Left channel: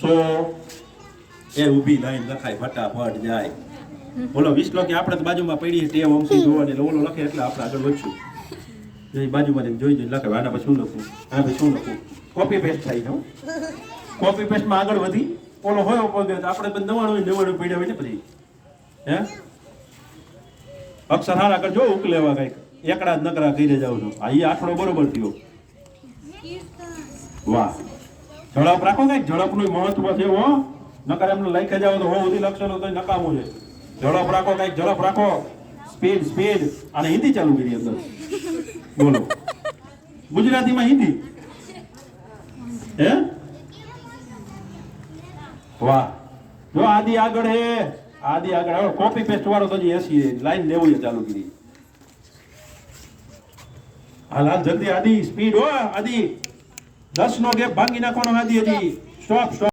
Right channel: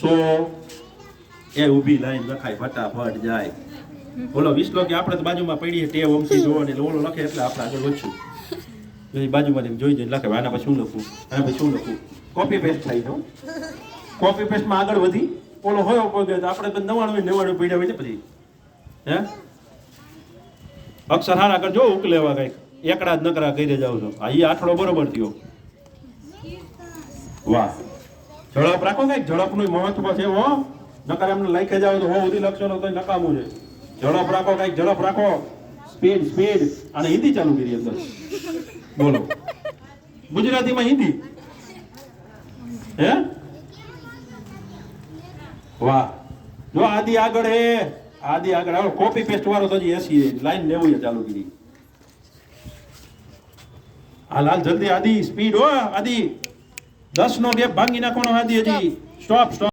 સો એ ઊભી લાઈન લખાય ફટાફટ જાય. બોલો 20 કે આપણે તો બાજુમાં પડી ટેવ ઓમસી જોવાની એટલે ઓલો લખે એટલે આપણે આગળ વધશું. એ બાજુમાં જોઈ જઈને લખે આના પર શું લખું, આના પર શું લખું, કોપી પેસ્ટ થાય છે. કોપી પેસ્ટમાં આગળ વધી ઓલો હોય પગે આપણે તો 99 પીડ્યા હોય ને પછી હે અક્ષર હારા કરજો ઉકલેવા કઈક એકડા જ નકરા કરી જાવ છો. આ આઠડો બરોબર થયો. વાહ, ઝડપ રાખો કઈક ઝડપનું મહત્વ છે. હો નકર એમને લઈ જાવ તો હો બધી લક્ષણો કઈ નકામું છે. ઝડપ રાખો કઈક ઝડપ રાખો. Speed speed. અને હિન્દી ચાલુ કરી અંદર બોલો ગુજરાતીમાં હિન્દી હે વાહ. જો આદિ આગળ હે આદિ આગળ કોપી પેસ્ટ વાળો તો 80 લાઈન 90 ચાલુ કરી. હાલ હાલ જલ્દી આદિ સ્પીડ હો આદિ 10 નો ગેપ ભાંગી નાખવાનો આદિ. હજી સ્ટોપ સ્ટોપ.